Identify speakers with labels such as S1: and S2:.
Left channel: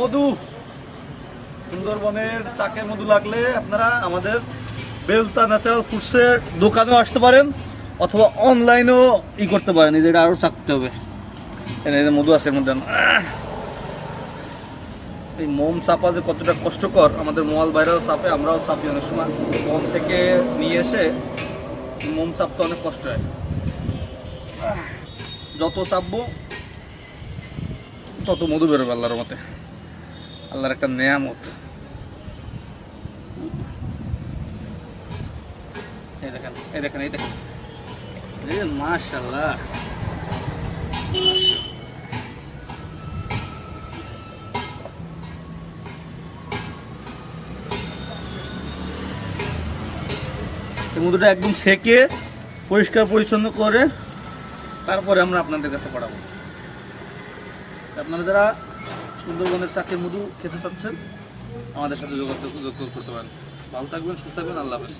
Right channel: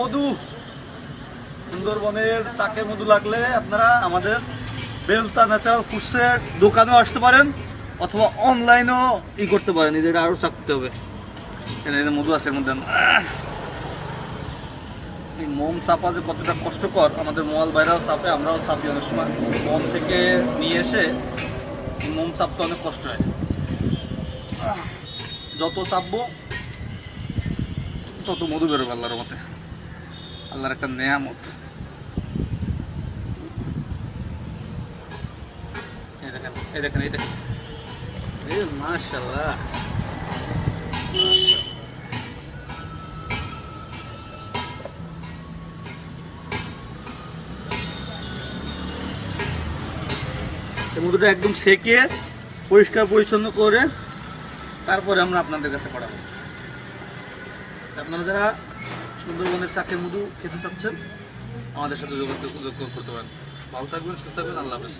S1: মধু। সুন্দরবনের চাকের মধু লাগলে আপনারা আমাদের বেলতা ন্যাচারাল ফুডসের দোকানেও আসতে পারেন, অথবা অনলাইনেও ই করতে পারেন যে আরও চাকতে হবে। যে মধু আছে মধ্যে! এই মোম চাপা যে কতটা কষ্টকর, আমাদের মোয়াল বাইরেও চাপে, আমরাও চাপি অনেক সময়। মোম থেকে নিয়ে এসে মোম চাপতে অনেক কষ্ট হয়। যত চাপবো, তত মধু বেরোবে আল্লাহর মতে আল্লাহর একটা নেয়ামত। এই দেখেন এই দেখেন এই দেখেন। এ সমুদ্রটা একদম সেকে পরিষ্কার পরিচ্ছন্ন করে তারপরে আমরা আপনাদের কাছে পাঠাবো আপনারা যারা সুন্দরবনের চাকের মধু খেতে চাচ্ছেন, আমাদের সাথে যোগাযোগ করতে পারেন। ভালো থাকবেন, সুস্থ থাকবেন, আল্লাহ হাফেজ।